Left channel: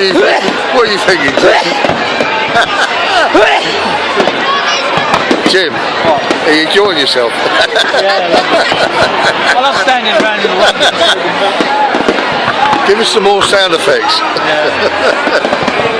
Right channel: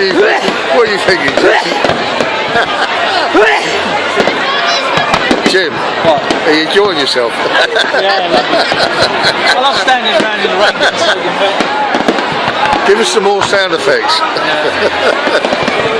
What are you thinking? Jim, What? are you enjoying yourself? Yeah, I love it. I love standing around in the rain. Give us some more sound effects. Yeah.